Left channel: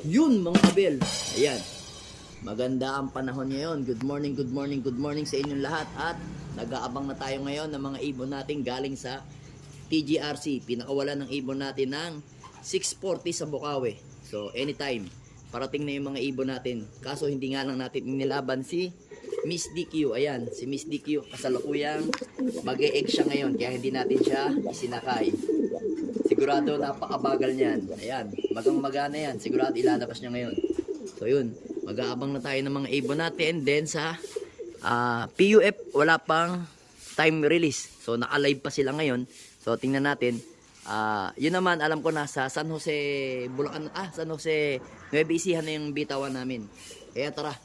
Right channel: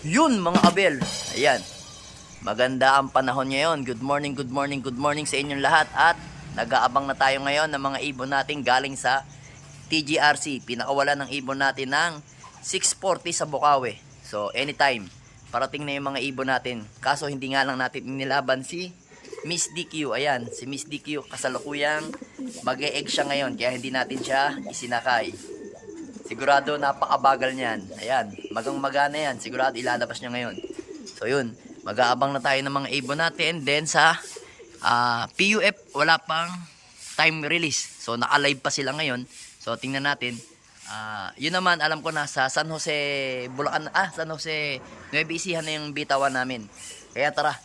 Yun mga abel. Ayan. Maganda ang panahon ngayon. Good morning, good morning, good morning sa inyong lahat. At nag-aabang na tayo ngayon ng mga ibon natin galing sa TGRC. Pinakawalan ng ibon natin ng 640 sa Bukawi. So anytime, parating na yung mga ibon natin. Kaso hindi nga lang natin inilaban si Miss DQ. Ayan, si Miss DQ kasalukuyang mag-e-egg siya ngayon. Kaya hindi natin siya isinakay. Sigurado napakabagal niyan. Ayan, magang magana yan. Sigurado ilalabas niya ngayon. So yun, mag-aabang na tayo ng mga ibon natin. Then sa ah, PUF, wala pang time release. So naka-live pa sila ngayon. So tingnan natin. Ah, yun naman, alam ko na sa San Jose, Bulacan, ah, San Jose, Nueva Ecija na yung bitawan namin. Kaya tara,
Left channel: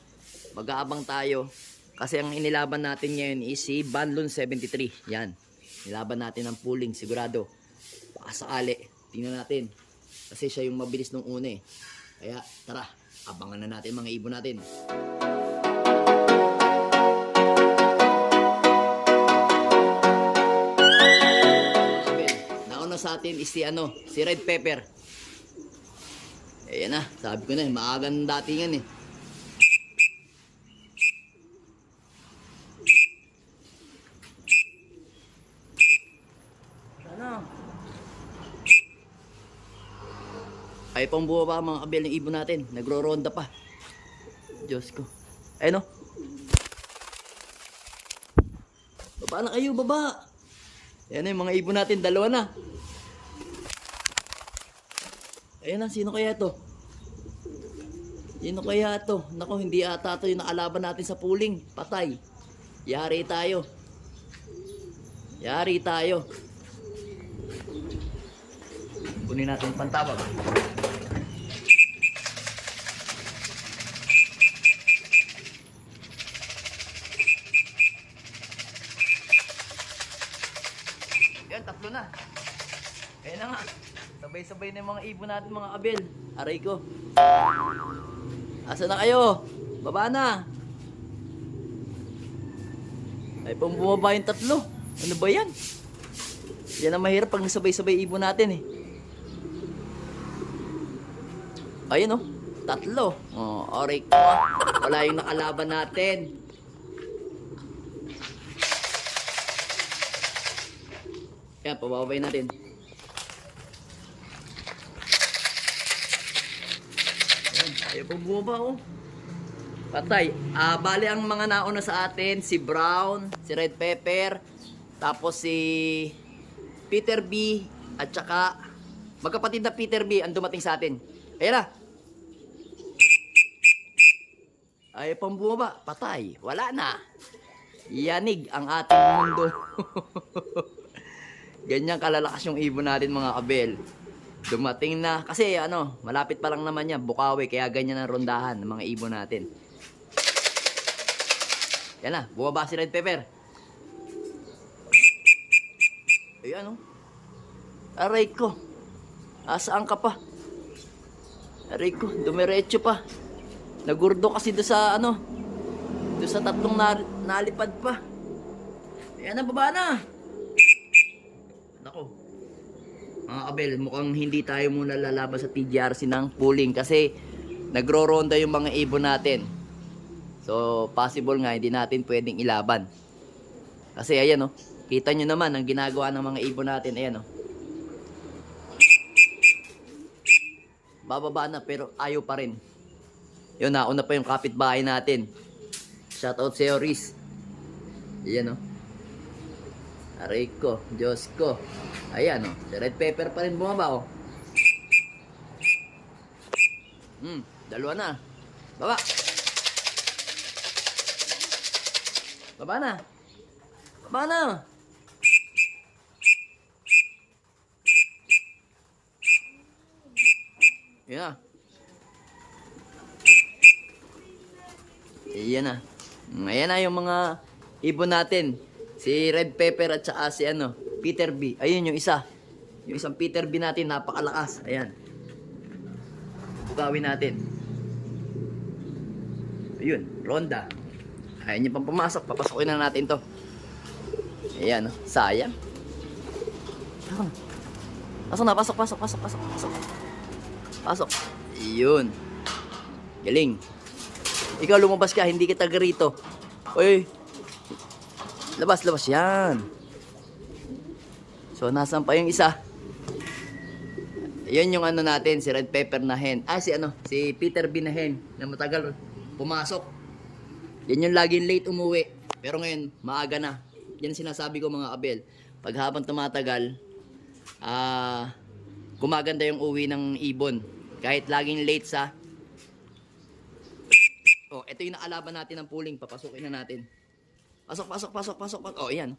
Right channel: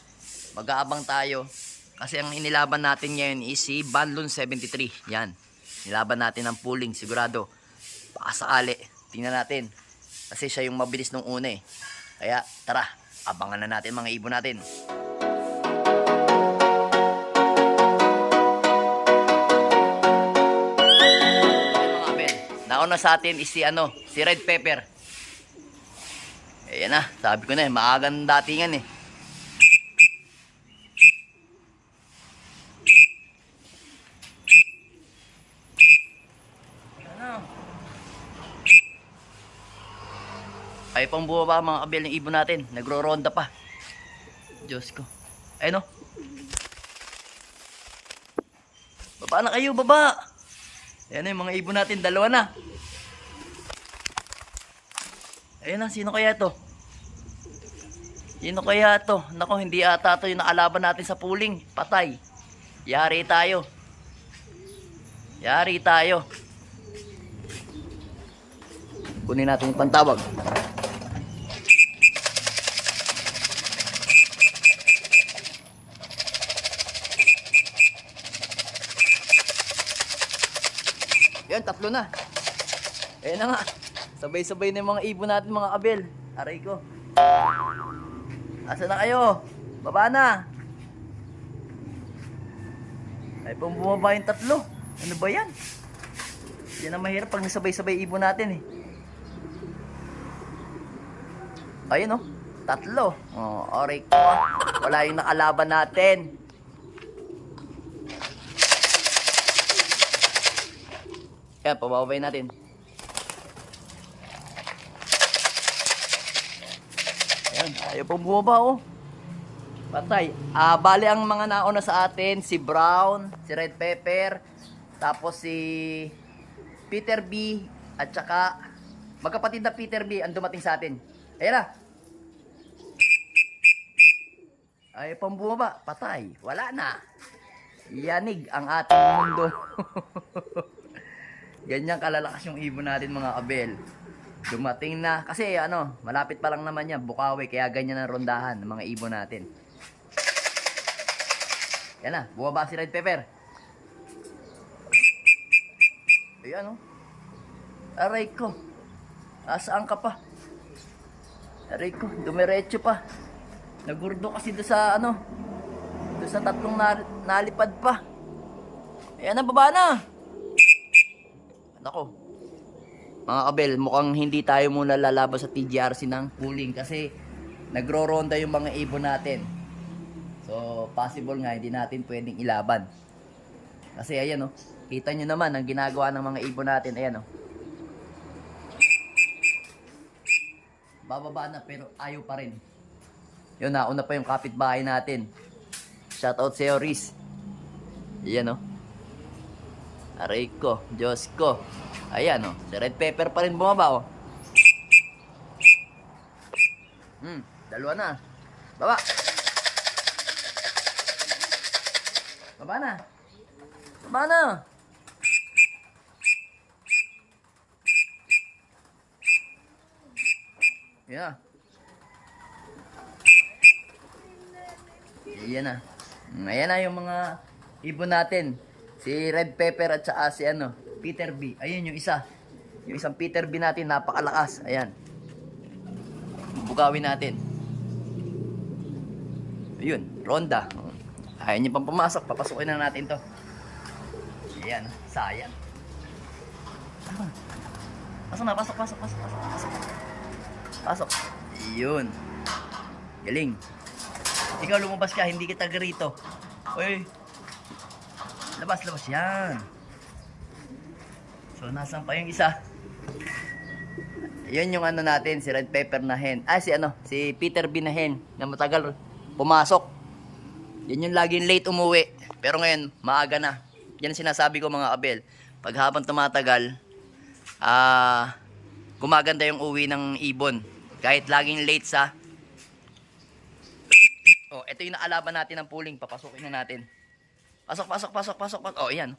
mag-aabang tayo. Kasi ang inilaban natin ngayon is si Banlon 73. Yan. Nilaban natin ang pooling, sigurado. Baka sakali. Tingnan natin. Kasi siya yung mabilis nung una eh. Kaya tara, abangan na natin mga ibon natin. Ayan mga. Nauna sa atin is si ano, si Red Pepper. Ayan na, sabi ko na eh, maagang datingan eh. Ano? Ay pang bumaba mga kabel ng ibon natin. Nagro-ronda pa. Diyos ko. Ayun o. Baba na kayo, baba. Ayan na yung mga ibon natin. Dalawa na. Ayan na, sino kaya to? Sino kaya to? Nako, hindi ata to yung nakalaban natin sa pooling. Patay. Yari tayo. Yari tayo. Kunin natin yung pantawag. Yan, tatlo na. Ayan na nga. Sabay-sabay na yung mga ibon natin mga abel. Aray ko. Asa na kayo? Baba na. Ay, pang bumaba yung tatlo. Ano ba yan? Yan ang mahirap pag nasabay-sabay ibon natin eh. Ayun oh. Tatlo. Oh, aray ko. Wala yung nakalaban natin. Yan, pababay natin. Yan, ayaw pong bumaba oh. Patay. Ah, bali ang mga nauna sa atin, si Brown, si Red Pepper, tapos si Peter B, at saka magkapatid na Peter B ang dumating sa atin. Ayan na. Ayaw pang bumaba. Patay. Wala na. Yanig ang ating mundo. Ganyan kalalakas yung ibon natin mga kabel. Dumating na. Kasi ano, malapit pa lang naman yan. Bukawi. Kaya ganyan ang rondahan ng mga ibon natin. Yan na. Bumaba si Red Pepper. Ayan oh. Aray ko. Asaan ka pa? Aray ko. Dumiretso pa. Nagurdo kasi do sa ano. Do sa tatlong na, nalipad pa. Ayan na, baba na. Nako. Mga kabel, mukhang hindi tayo muna lalaban sa TGRC ng pooling kasi nagro-ronda yung mga ibon natin. So, possible nga hindi natin pwedeng ilaban. Kasi ayan oh, kita nyo naman ang ginagawa ng mga ibon natin, ayan oh. Bababa na pero ayaw pa rin. Yun, nauna pa yung kapitbahay natin. Shoutout sa'yo, Riz. Ayan oh. Aray ko, Diyos ko. Ayan oh, si Red Pepper pa rin bumaba oh. Hmm, dalawa na. Baba. Baba na. Baba na. Na. Iyan na. Ayan na yung mga ibon natin. Si Red Pepper at saka si ano, Peter B. Ayun yung isa. Yung isang Peter B natin, napakalakas. Ayan. Bugawin natin. Ayun, ronda. Ayaw niya pang pumasok. Papasukin na natin to. Ayan, oh. sayang. Ah. Pasok na, pasok, pasok, pasok, pasok, pasok. Pasok. Yun. Galing. Ikaw lumabas ka, hindi kita rito. Oy. Labas, labas. Yan. So, nasan pa yung isa? Yan yung ano natin, si Red Pepper na hen. Ah, si ano, si Peter B na hen na matagal pumasok. Yan yung laging late umuwi. Pero ngayon, maaga na. Yan sinasabi ko mga abel. Pag habang tumatagal, ah, gumaganda yung uwi ng ibon. Kahit laging late sa... Oh, ito yung naalaban natin ng pooling. Papasukin na natin. Pasok, pasok, pasok, pasok, pasok. Oh, yan.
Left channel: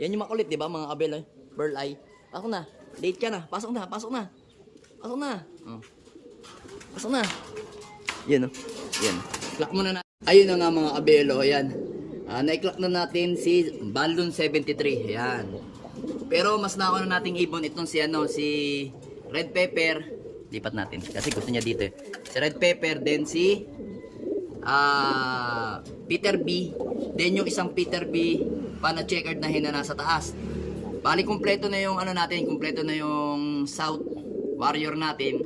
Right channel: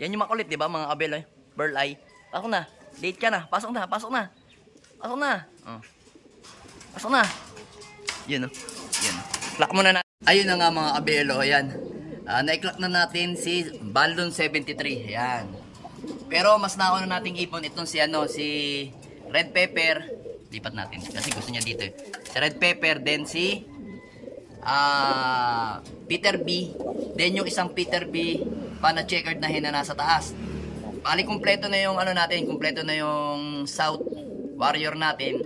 Yan yung makulit, di ba mga abel? Eh? Burl eye. Pasok na. Late ka na. Pasok na, pasok na. Pasok na. Oh. Pasok na. Yan oh. Yan. Clock muna na. Ayun na nga mga abelo. Ayan. Ah, na-clock na natin si Balloon 73. Ayan. Pero mas nauna nating ibon itong si ano, si Red Pepper. Lipat natin. Kasi gusto niya dito eh. Si Red Pepper, then si ah Peter B. Then yung isang Peter B pa na checkered na hen na nasa taas. Bali kumpleto na yung ano natin, kumpleto na yung South Warrior natin.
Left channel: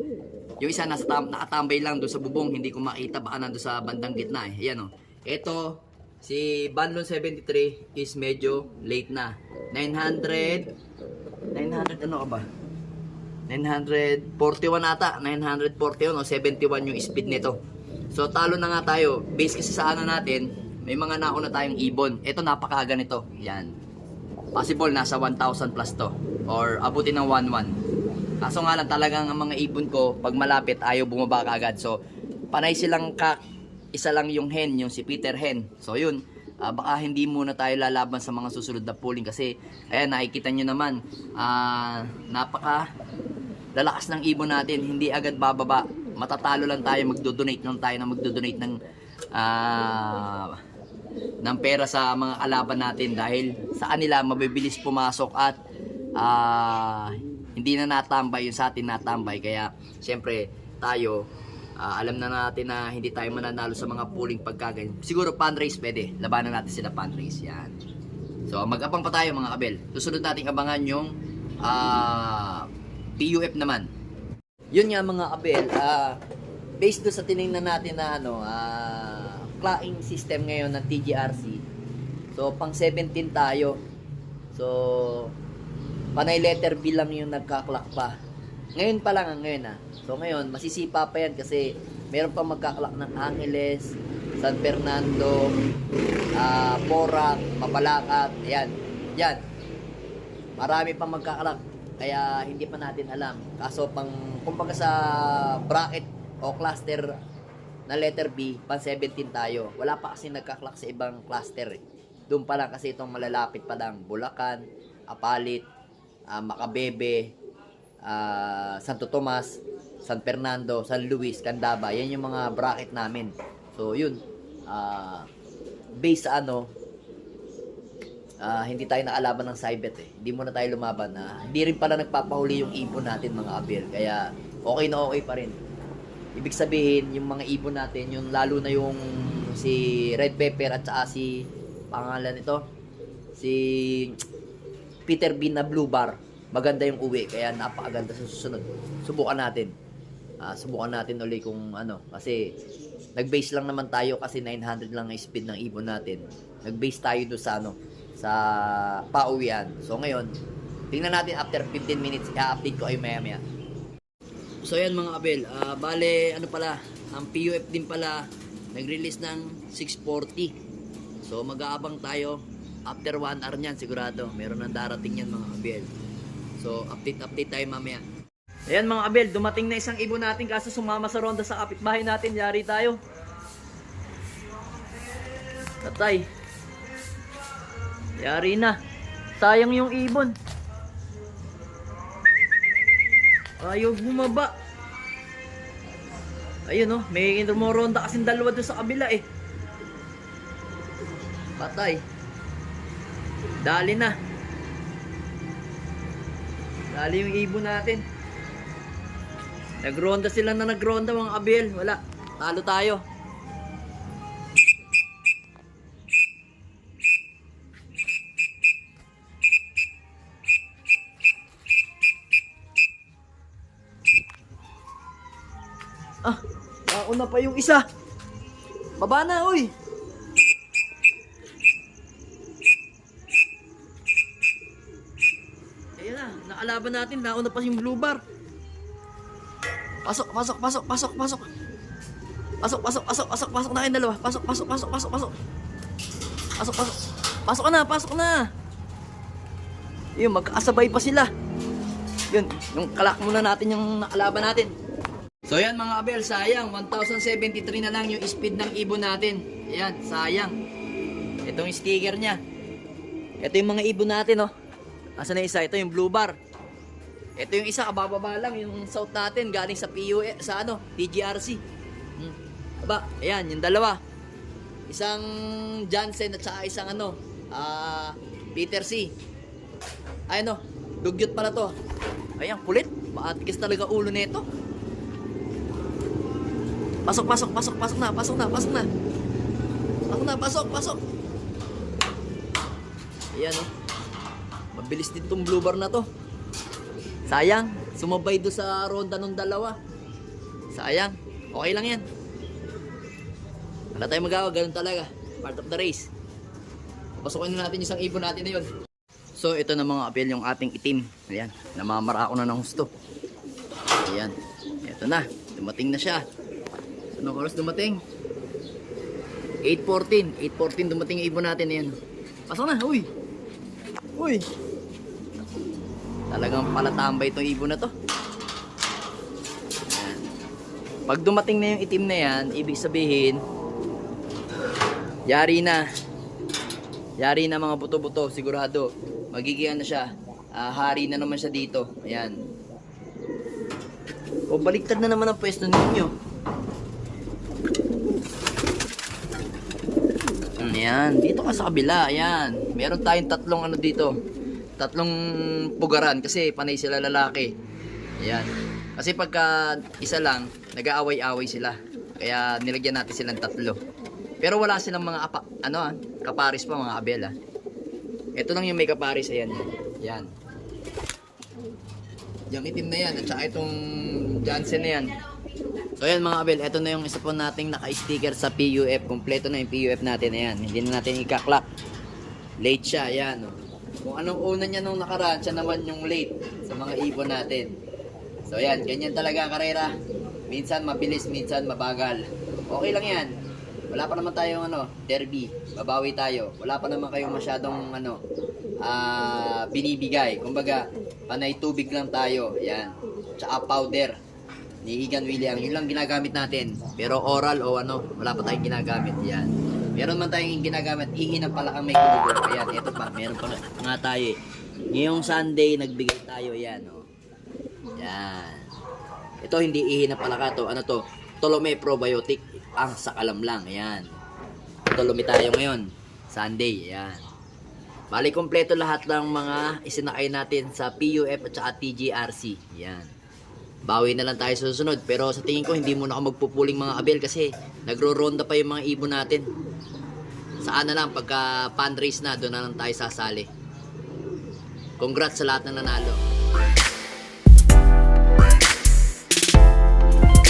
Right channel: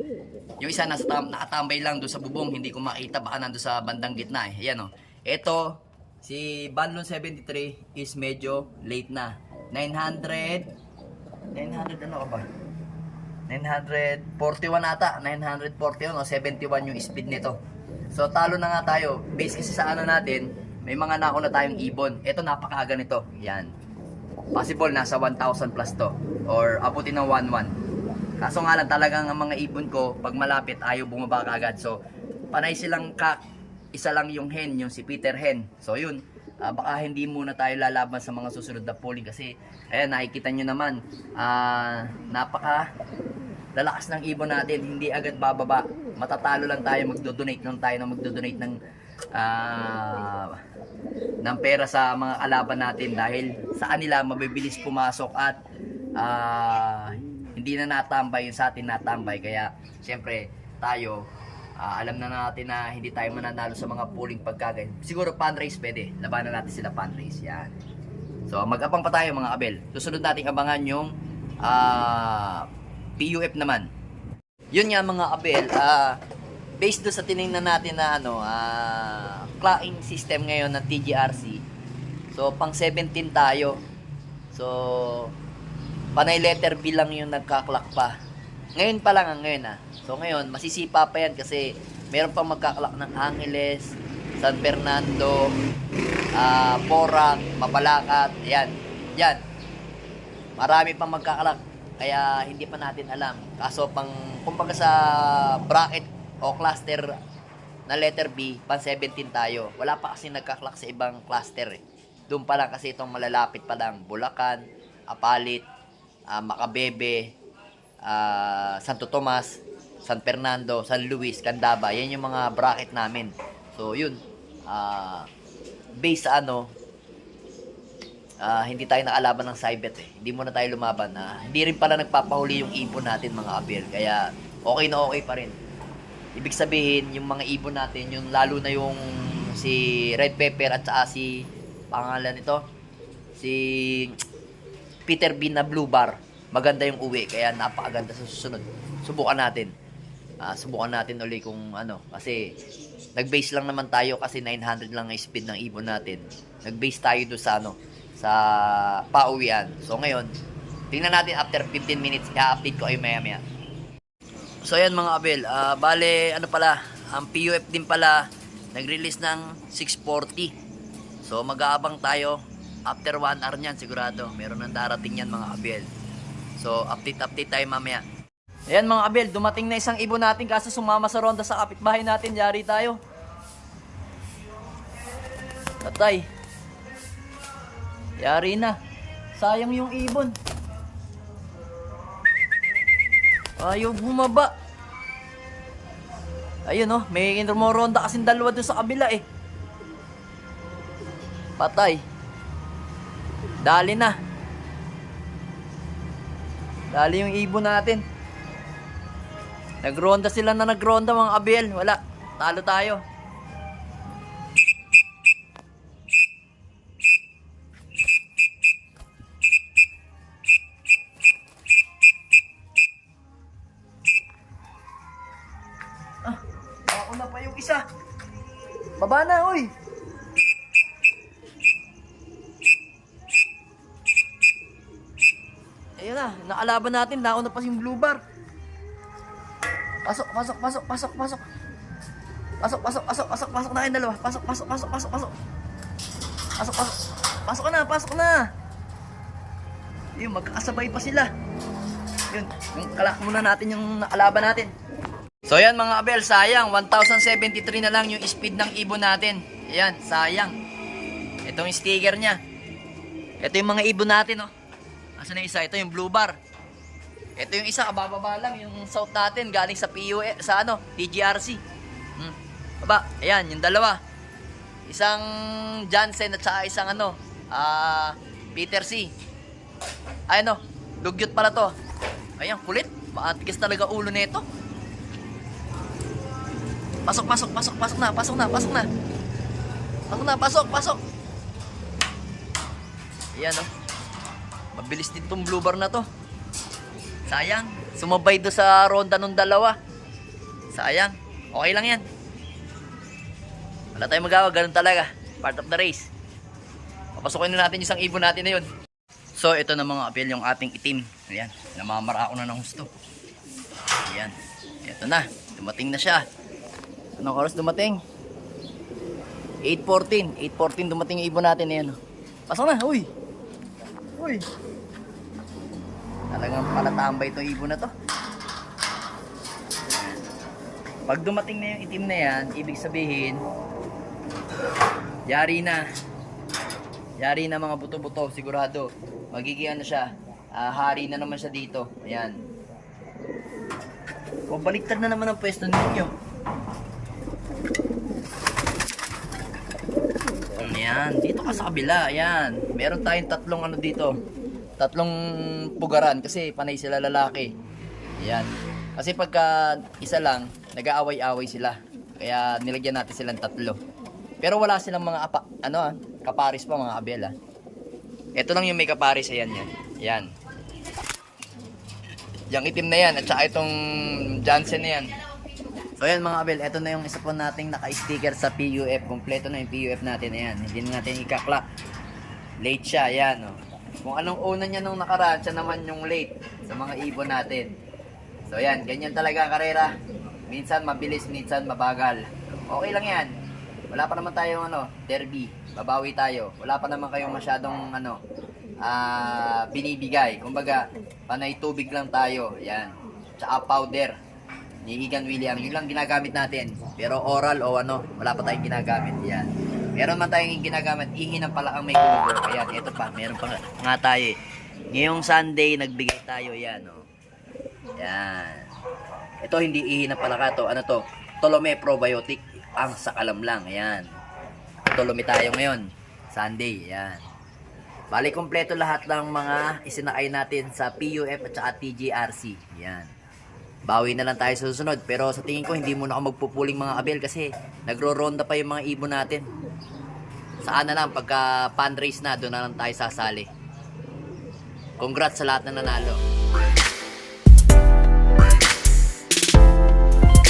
Yung isa nasa tam- nakatambay lang doon sa bubong, hindi ko makita baka nandoon sa bandang gitna eh. Ayan oh. Ito si Banlon 73 is medyo late na. 900 900 ano ka ba? 941 ata, 941 o 71 yung speed nito. So talo na nga tayo. Base kasi sa ano natin, may mga nauna tayong ibon. Ito napakaga nito. Yan. Possible nasa 1,000 plus to or abutin ng 1,1. Kaso nga lang talagang ang mga ibon ko pag malapit ayaw bumaba kaagad. So panay silang kak isa lang yung hen, yung si Peter Hen. So yun, ah, baka hindi muna tayo lalaban sa mga susunod na polling kasi ayan nakikita nyo naman ah, napaka lalakas ng ibon natin, hindi agad bababa. Matatalo lang tayo, magdo-donate lang tayo na magdo-donate ng ah, ng pera sa mga kalaban natin dahil sa kanila mabibilis pumasok at ah, hindi na natambay yung sa atin natambay. Kaya syempre tayo ah, alam na natin na hindi tayo mananalo sa mga pooling pagkagan siguro fundraise pwede. Labanan natin sila fundraise yan. So mag-abang pa tayo mga kabel susunod nating abangan yung ah, PUF naman yun nga mga kabel ah, based doon sa tiningnan natin na ano ah, clacking system ngayon ng TGRC so pang 17 tayo so panay letter B lang yung nagkaklak pa. Ngayon pa lang ang ngayon ah. So ngayon, masisipa pa yan kasi meron pa magkaklak ng Angeles, San Fernando, ah Porac, Mapalacat, ayan. Yan. Marami pang magkaklak. Kaya hindi pa natin alam. Kaso pang, kumbaga sa bracket o cluster na letter B, pan 17 tayo. Wala pa kasi nagkaklak sa ibang cluster eh. Doon pa lang kasi itong malalapit pa lang. Bulacan, Apalit, ah, Macabebe, ah, Santo Tomas, San Fernando, San Luis, Candaba. Yan yung mga bracket namin. So, yun. Ah, based sa ano, ah, hindi tayo nakalaban ng Cybet eh. Hindi muna tayo lumaban. Ah, hindi rin pala nagpapahuli yung ibon natin mga abel. Kaya, okay na okay pa rin. Ibig sabihin, yung mga ibon natin, yung lalo na yung si Red Pepper at saka si pangalan nito, si Peter Bean na Blue Bar. Maganda yung uwi, kaya napakaganda sa susunod. Subukan natin. Ah, subukan natin uli kung ano, kasi nag-base lang naman tayo kasi 900 lang ang speed ng ibon natin. Nag-base tayo do sa ano, sa pauwian. So ngayon, tingnan natin after 15 minutes, i-update ko ay maya maya. So ayan mga abel, ah, bale ano pala, ang PUF din pala nag-release ng 640. So mag-aabang tayo after 1 hour niyan sigurado. Meron nang darating yan mga abel. So update update tayo mamaya. Ayan mga abel, dumating na isang ibon natin kasi sumama sa ronda sa kapitbahay natin. Yari tayo. Tatay. Yari na. Sayang yung ibon. Ayaw bumaba. Ayun oh, may rumoronda kasing dalawa doon sa kabila eh. Patay. Dali na. Dali yung ibon natin. Nagronda sila na nagronda mga abel. Wala. Talo tayo. Nauna pa yung isa. Baba na, uy. Ayun na, nakalaban natin. Nauna pa yung blue bar. Pasok, pasok, pasok, pasok, pasok. Pasok, pasok, pasok, pasok, pasok na kayong dalawa. Pasok, pasok, pasok, pasok, pasok. Pasok, pasok. Pasok na, pasok na. Yun, magkakasabay pa sila. Yun, yung kalak muna natin yung nakalaban natin. So yan mga abel, sayang. 1073 na lang yung speed ng ibon natin. Ayan, sayang. Ito yung sticker niya. Ito yung mga ibon natin, oh. Asa na isa? Ito yung blue bar. Ito yung isa, kabababa lang. Yung south natin, galing sa PUE, sa ano, TGRC. Hmm. Aba, ayan, yung dalawa. Isang Jansen at saka isang ano, ah, Peter C. Ay no, dugyot pala to. Ayan, kulit. Maatigas talaga ulo nito. Pasok, pasok, pasok, pasok na, pasok na, pasok na. Pasok na, pasok, pasok. Ayan oh. Mabilis din tong blue bar na to. Sayang, sumabay do sa ronda nung dalawa. Sayang, okay lang yan. Wala tayong magawa, ganun talaga. Part of the race. Papasukin na natin yung isang ibon natin na yun. So, ito na mga apel yung ating itim. Ayan, namamarako na ng gusto. Ayan, ito na. Dumating na siya. Anong oras dumating? 8.14. 8.14 dumating yung ibon natin. Ayan. Pasok na, uy. Uy. Talagang palatambay itong ibon na to. Pag dumating na yung itim na yan, ibig sabihin, yari na. Yari na mga buto-buto, sigurado. Magiging ano siya, ah, hari na naman siya dito. Ayan. O baliktad na naman ang pwesto ninyo. Ayan, dito ka sa kabila, ayan. Meron tayong tatlong ano dito. Tatlong pugaran kasi panay sila lalaki. Ayan. Kasi pagka isa lang, nag-aaway-away sila. Kaya nilagyan natin silang tatlo. Pero wala silang mga apa, ano ah, kaparis pa mga abela. Ito lang yung may kaparis, ayan yan. Yan. Yung itim na yan, at saka itong Jansen na yan. So ayan mga abel, ito na yung isa po nating naka-sticker sa PUF. Kompleto na yung PUF natin, ayan. Hindi na natin ika-clock. Late siya, ayan. Oh. Kung anong una niya nung nakaraan, siya naman yung late sa mga ibon natin. So ayan, ganyan talaga ang karera. Minsan mabilis, minsan mabagal. Okay lang yan. Wala pa naman tayong ano, derby. Babawi tayo. Wala pa naman kayong masyadong ano, ah binibigay. Kumbaga, panay tubig lang tayo. Yan. Tsaka powder ni Igan William. Yun lang ginagamit natin. Pero oral o ano, wala pa tayong ginagamit. Yan. Meron man tayong ginagamit. Ng pala ang may kubo. Ayan, ito pa. Meron pa nga- tayo eh. Ngayong Sunday, nagbigay tayo. Yan, oh. Yan. Ito hindi ihi ng palaka to. Ano to? Tolome probiotic. Ang sakalam lang. Ayan. Tolome tayo ngayon. Sunday. Ayan. Bali, kompleto lahat ng mga isinakay natin sa PUF at saka TGRC. Yan. Bawi na lang tayo sa susunod. Pero sa tingin ko, hindi muna ako magpupuling mga abel kasi nagro-ronda pa yung mga ibon natin. Saan na lang, pagka pan race na, doon na lang tayo sasali. Congrats sa lahat ng nanalo.